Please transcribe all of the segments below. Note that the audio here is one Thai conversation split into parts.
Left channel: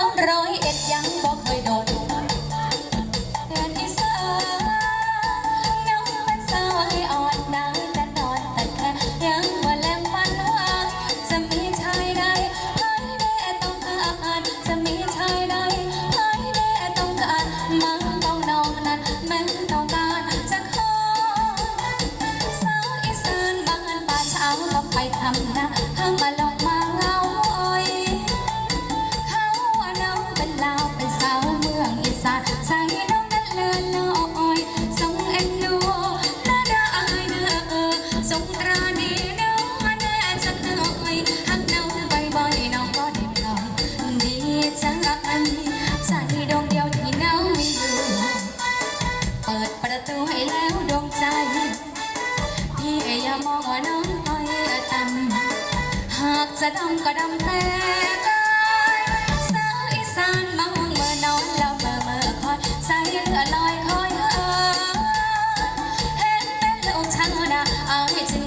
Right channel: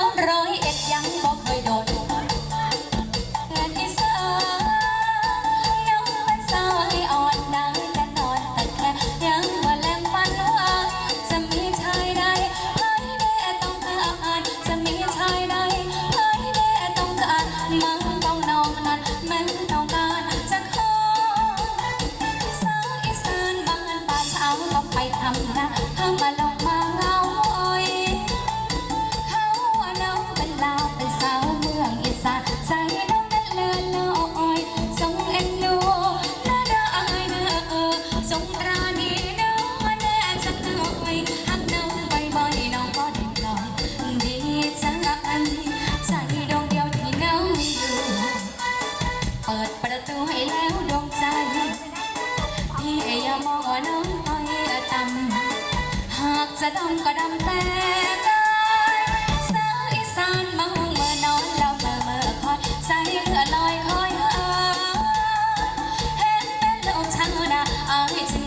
ร้อยเอ็ดยังบอกเคยโดนเดือนที่สามยังเป็นสาวให้อ่อนนางแต่นอนแต่แค่ยังว่าแรงฝันว่าจะมีชายใดให้ได้ต้องการจะมีชายใดให้ได้ต้องการมันต้องนองนั้นแม้ต้องการจะขอสาวอีสานบ้านป่าเช้าก็ไปทำนาเพิ่งมาลงมาเงาอ้อย มองว่าน้องต้อยต่ำหากจะดำก็ดำแต่กายสาวอีสานมองเมื่อนอนแล้วเมื่อเมื่อคอยใจเรือลอยคอยเออเห็นเป็นลูกช่างนะอายจึง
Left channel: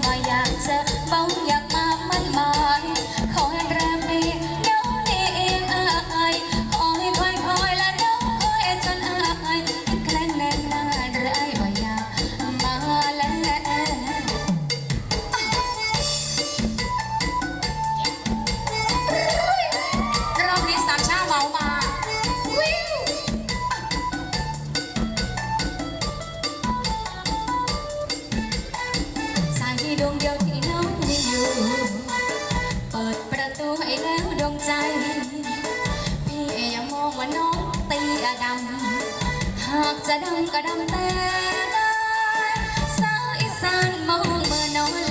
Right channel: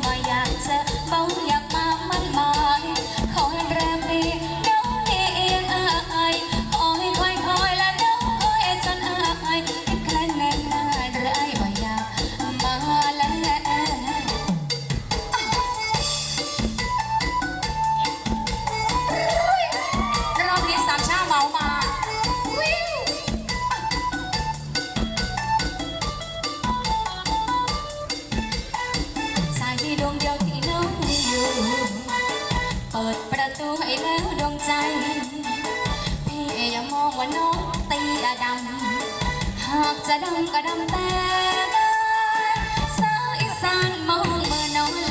วงเดียวที่น้องมีอยู่ เปิดประตูให้แล้วดวงใจ พี่อย่ามองว่าน้องตียดำหากจะดำก็ดำแต่ได้สาวอีสานมองเมื่อน้อง